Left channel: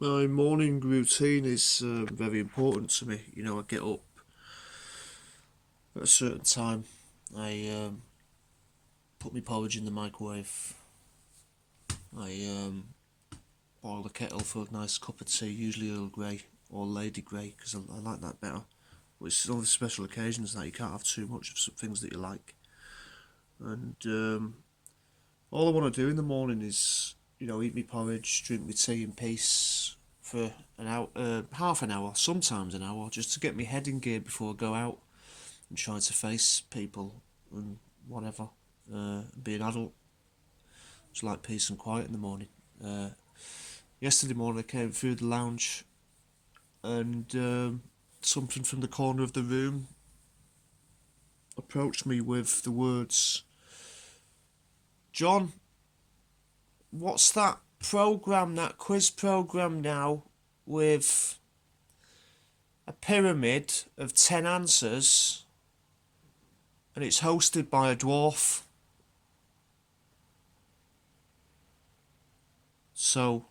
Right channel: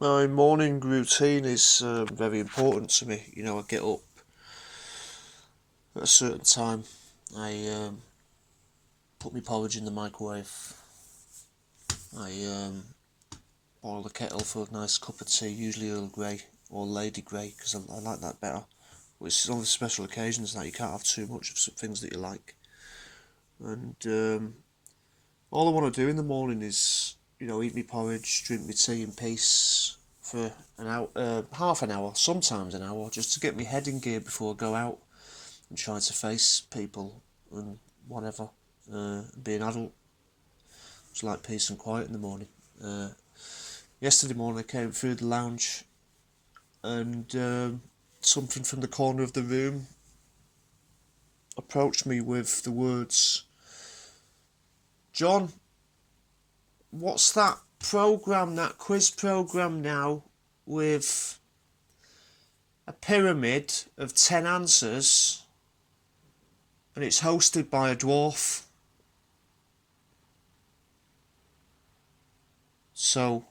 My morning routine is very important to me. I get up at a certain time. I put my porridge in the microwave. I boil the kettle for a nice cup of tea, usually Earl Grey or Lady Grey, because I like that better. But it's only special occasions that you can't have too much of some things that you like. And all I want to do in the morning is, eat my porridge, drink my tea in peace for an hour, half an hour, sometimes an hour, just to get my head in gear before I go out and try to face people and whatever. Be an adult. Just like peace and quiet in the morning. Yesterday morning I came through the lounge and something from the corner of the room approached me with the words, "John, what's that program, that quiz program now with a pyramid of 10 answers and it's hosted by a dwarf?" So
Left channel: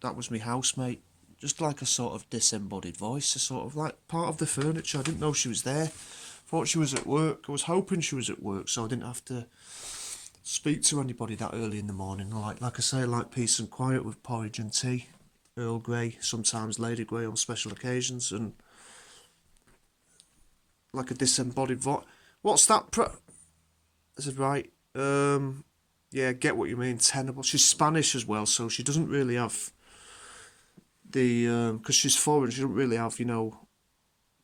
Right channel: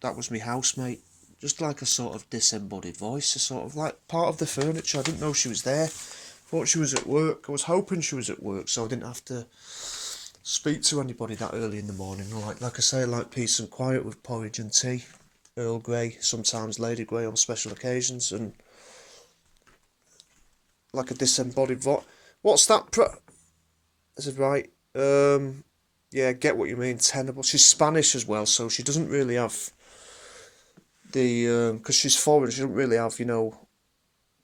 that was my housemate, just like a sort of disembodied voice, a sort of like part of the furniture. I didn't know she was there. Thought she was at work. I was hoping she was at work so I didn't have to speak to anybody that early in the morning. Like I say, like peace and quiet with porridge and tea, Earl Grey, sometimes Lady Grey on special occasions, and like a disembodied voice. What's that? I said, right. Yeah, get what you mean. Tenable. She's Spanish as well, so she doesn't really have the because she's foreign. She doesn't really have, they're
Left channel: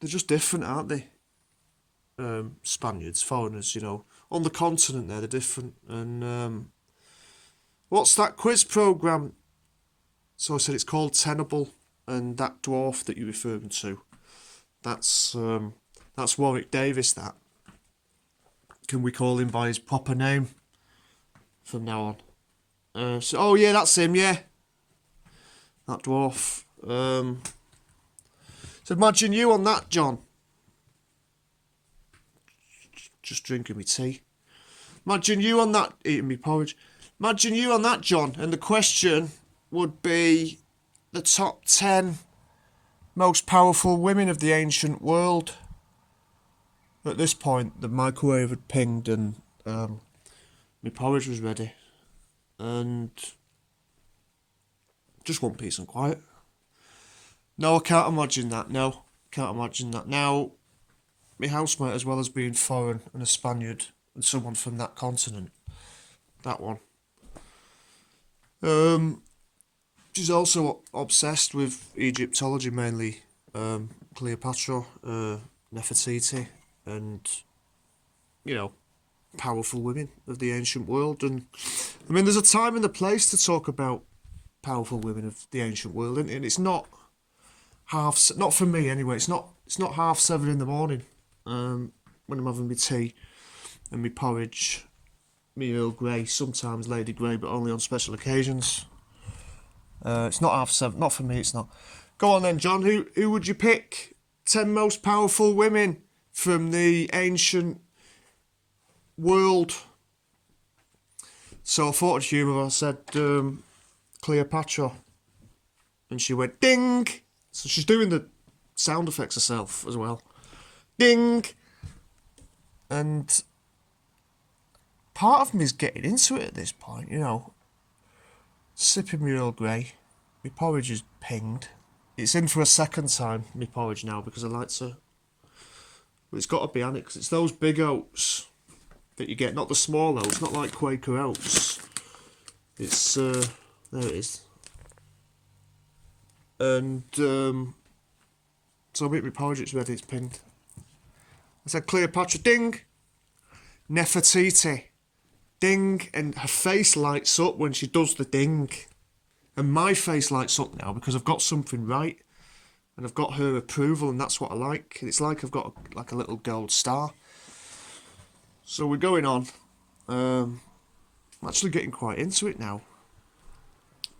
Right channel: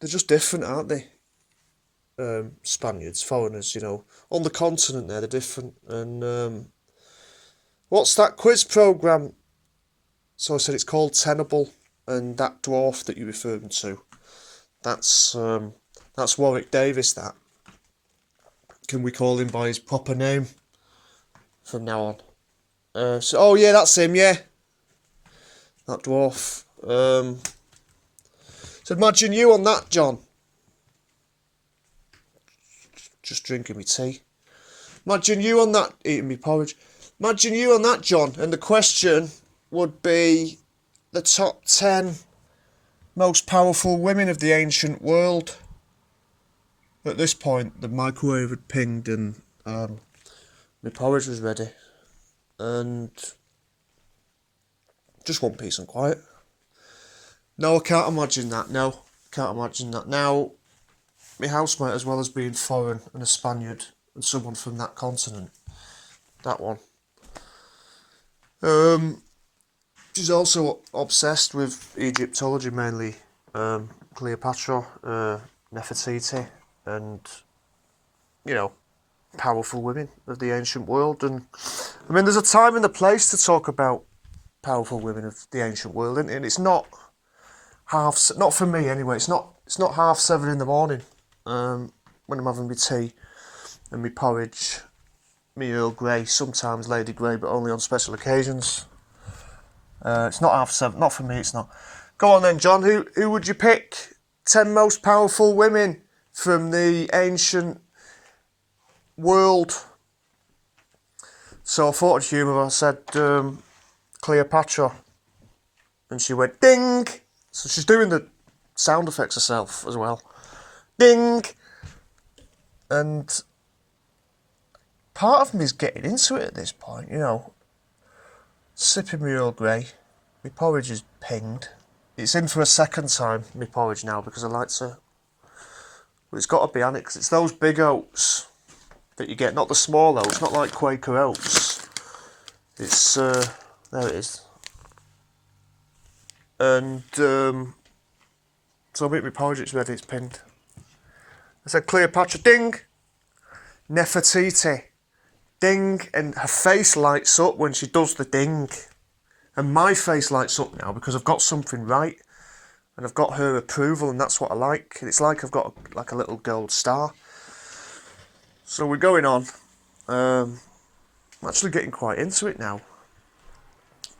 just different, aren't they? Spaniards, foreigners, on the continent they're different. And what's that quiz program? So I said it's called Tenable, and that dwarf that you're referring to, that's Warwick Davis. That, can we call him by his proper name from now on? Oh yeah, that's him. Yeah, that dwarf. So imagine you on that, John. Just drinking me tea. Imagine you on that, eating me porridge. Imagine you on that, John. And the question would be the top 10 most powerful women of the ancient world. At this point, the microwave had pinged and my porridge was ready. And just want peace and quiet. No, I can't imagine that. No, can't imagine that. Now, my housemate, as well as being foreign and a Spaniard and someone from that continent, that one. She's also obsessed with Egyptology, mainly Cleopatra, Nefertiti, and powerful women of the ancient world. And I mean, there's a time and a place to talk about powerful women of the ancient world, and it's not not for me anyway. It's not 7:30 in the morning when I'm having my tea and my porridge, me Earl Grey, sometimes Lady Grey, but only on special occasions. It's not 7:30. Not for me. It's not. Go on then, John. Who would you pick? 10 most powerful women from the ancient world. So I thought of humour. I said Cleopatra, and she went ding. So she's doing the sound effects herself as well. Ding. And part of me's getting into it at this point, sipping my Earl Grey. My porridge is pinged. It's in for a second time, my porridge now, because I like to... Well, it's got to be on it, because it's those big oats that you get, not the small oats, not like Quaker oats. It's, there it is. And, so I make my porridge, it's ready, it's pinned. I said Cleopatra, ding! Nefertiti, ding! And her face lights up when she does the ding. And my face lights up now because I've got something right. And I've got her approval, and that's what I like. It's like I've got a little gold star. So we're going on. I'm actually getting quite into it now.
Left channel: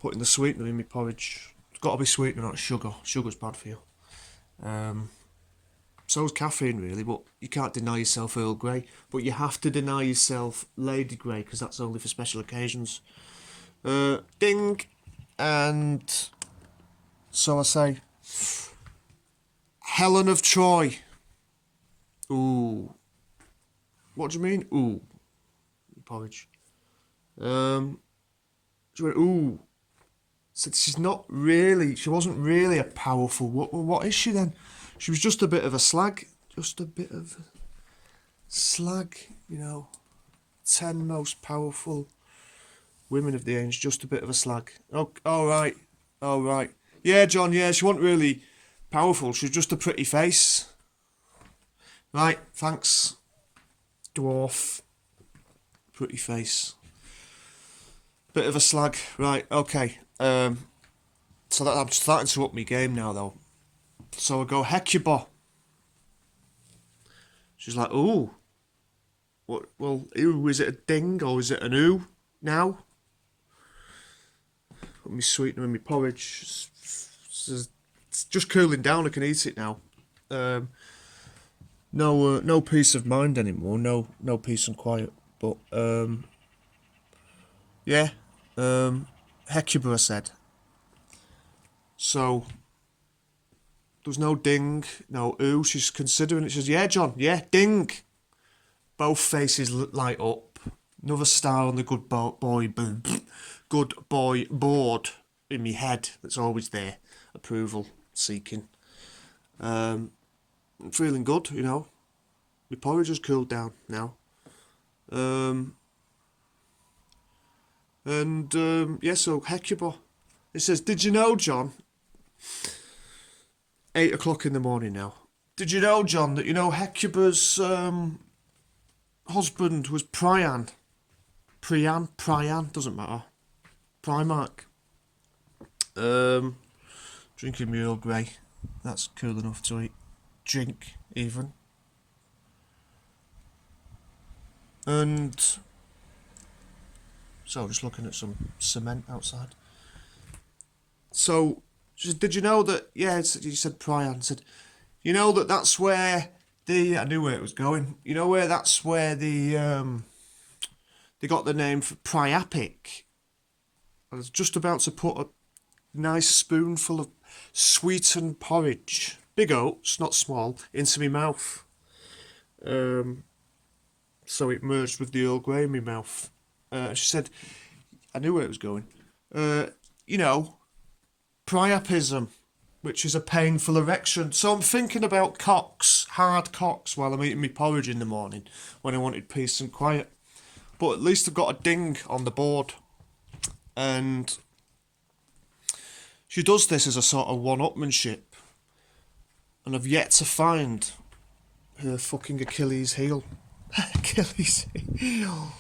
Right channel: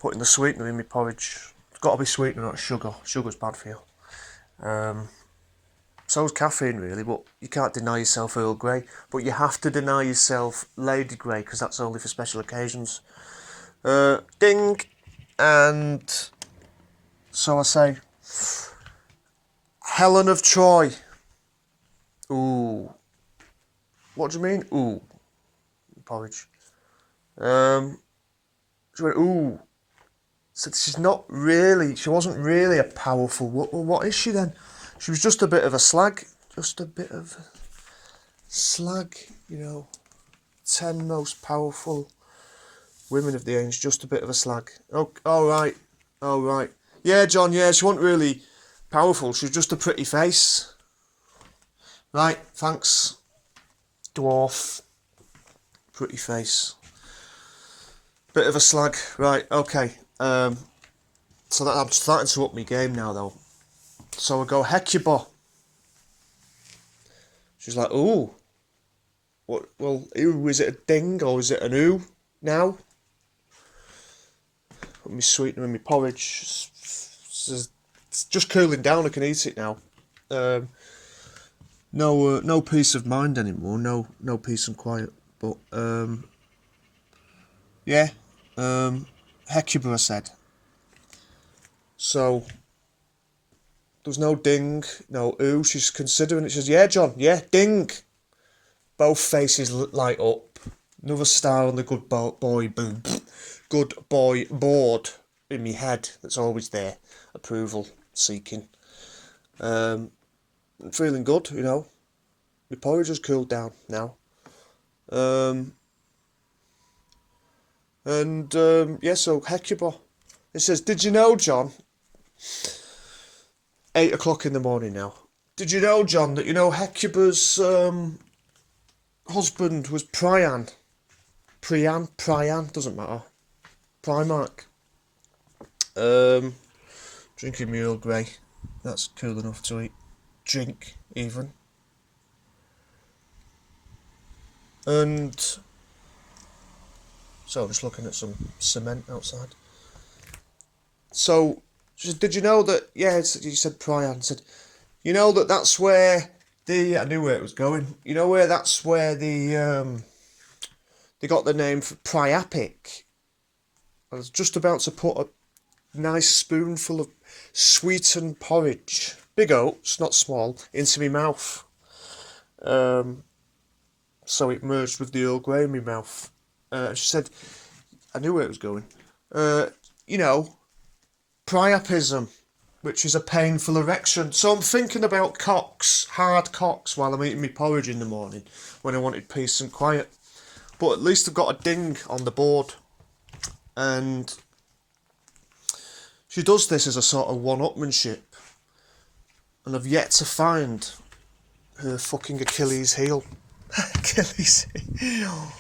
Putting the sweetener in my porridge. It's got to be sweetener, not sugar. Sugar's bad for you. So's caffeine, really, but you can't deny yourself Earl Grey. But you have to deny yourself Lady Grey, because that's only for special occasions. Ding! And So I say, Helen of Troy. Ooh. What do you mean? Ooh. Porridge. She went, ooh. Said she wasn't really a powerful woman. What is she then? She was just a bit of a slag. Just a bit of a slag, 10 most powerful women of the age, just a bit of a slag. Oh, all right. Yeah, John, yeah, she wasn't really powerful. She was just a pretty face. Right, thanks. Dwarf. Pretty face. Bit of a slag. Right, okay. So that I'm starting to up my game now, though. So I go, Hecuba. She's like, ooh. What? Well, ooh, is it a ding or is it an ooh now? Put me sweetener in my porridge. It's just cooling down. I can eat it now. No peace of mind anymore. No peace and quiet. But yeah. Hecuba, I said. So there's no ding, no ooh. She's considering it. She says, yeah, John, yeah, ding. Both faces light up. Another star on the good boy board in me head that's always there. Approval seeking. I'm feeling good, My porridge has cooled down now. Yeah, so Hecuba. It says, did you know, John? 8 o'clock in the morning now. Did you know, John, that Hecuba's husband was Priam? Priam, doesn't matter. Primarch. Drinking my Earl Grey. That's cool enough to eat. Drink, even. And so just looking at some cement outside. So she said, did you know that, yeah, you said Priam, said, that's where I knew where it was going. Where that's where they got the name for Priapic. I was just about to put a nice spoonful of sweetened porridge, big oats, not small, into my mouth. So it merged with the Earl Grey in my mouth. She said, I knew where it was going. Priapism, which is a painful erection. So I'm thinking about cocks, hard cocks, while I'm eating my porridge in the morning when I wanted peace and quiet. But at least I've got a ding on the board. And she does this as a sort of one-upmanship. And I've yet to find her fucking Achilles heel. Achilles heel.